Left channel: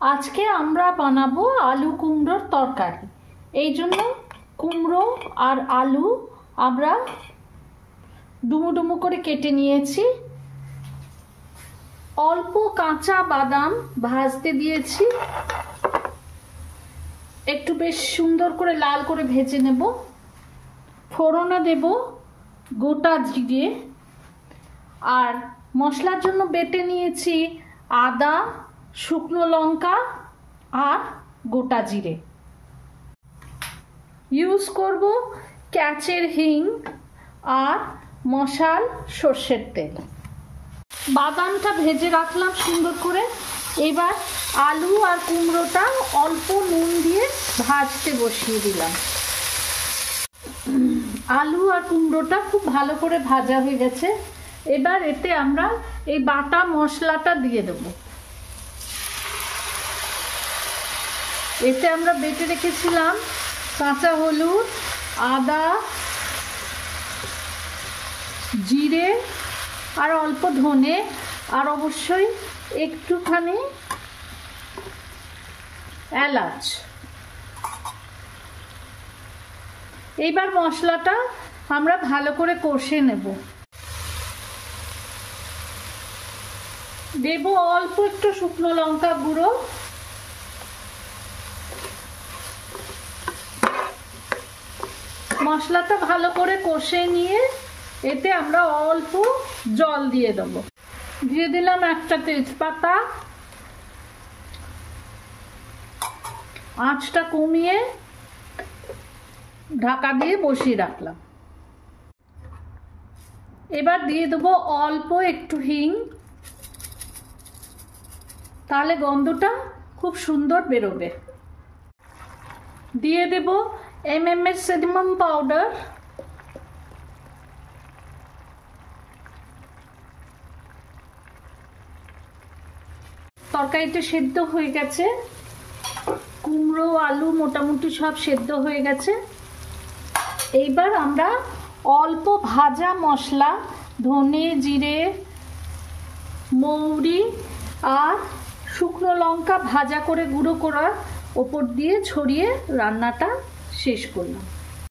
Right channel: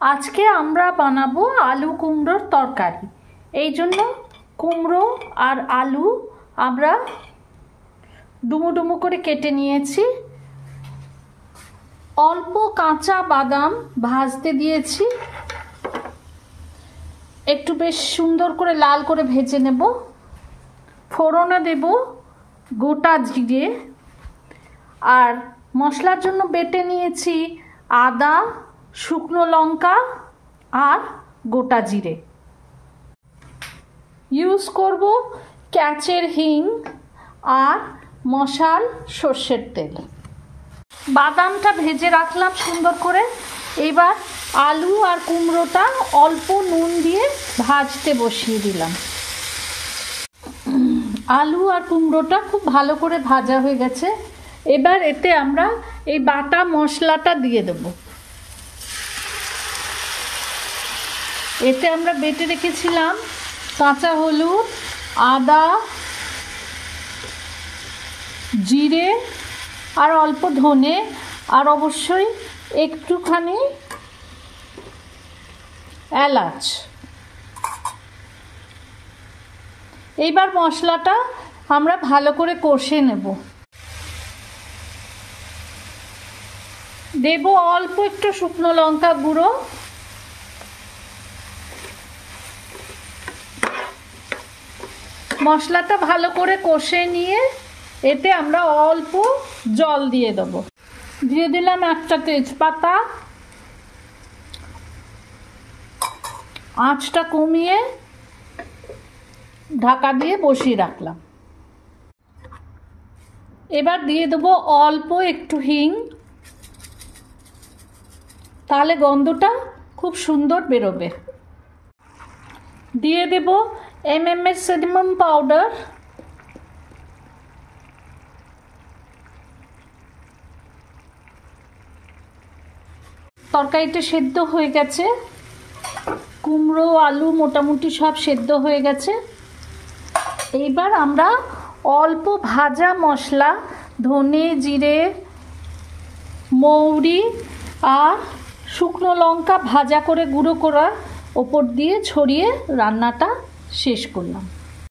আজকে আমরা বানাবো আলু কুমড়োর তরকারি। এই জন্য কুমড়ো আর আলু আমরা ডুমো ডুমো করে কেটে নিয়েছি। অল্প কাঁচা বাদাম ভাজতে দিয়েছি, একটু বেশ সুন্দর করে লাল করে ভেজে নেব। ফোড়নে দেব গোটা জিরে, আর মশলার জন্য বেটে নিয়েছি আদা, শুকনো লঙ্কা আর গোটা জিরে। ইউজ করব ক্যাচের হিং আর মশাল সর্ষের তেল। বাদামটা ভেজে রাখলাম সুন্দর করে। এবার আলু আর কুমড়োটা অল্প নুন দিয়ে ভাজতে বসিয়ে দিলাম। আলু আর কুমড়োটা খুব ভালো করে ভাজা হয়ে গেছে। এবার এতে আমরা এই বাটা মশলাটা দিয়ে দেব। এতে আমরা বেটে রেখেছিলাম কাঁচা হলুদ, আদা, জিরে আর অল্প ধনে, আর অবশ্যই একটুখানি এলাচ। এইবার মশলাটা আমরা ভালো করে কষে নেব। দেব অল্প একটু শুকনো লঙ্কা গুঁড়ো, মশলাটা ভালো করে কষে নিয়ে এতে আমরা অল্প জল দিয়ে দেব। দিয়ে দিলাম একটা তেজপাতা। আঁচটা কমিয়ে ঢাকা দিয়ে বসিয়ে রাখলাম। এবার দিয়ে দেবো অল্প একটু হিং, তাহলে গন্ধটা খুব সুন্দর বেরোবে। দিয়ে দেব এমএমএস সিনামন পাউডার, তরকারিটা সেদ্ধ হয়ে গেছে। কুমড়ো আলু মোটামুটি সব সেদ্ধ হয়ে গেছে। এইবার আমরা অল্প ভাজা মশলা, ধনে, জিরে, মৌরি আর শুকনো লঙ্কা ভাজা করে গুঁড়ো করার ওপর দিয়ে ছড়িয়ে রান্নাটা শেষ করলাম।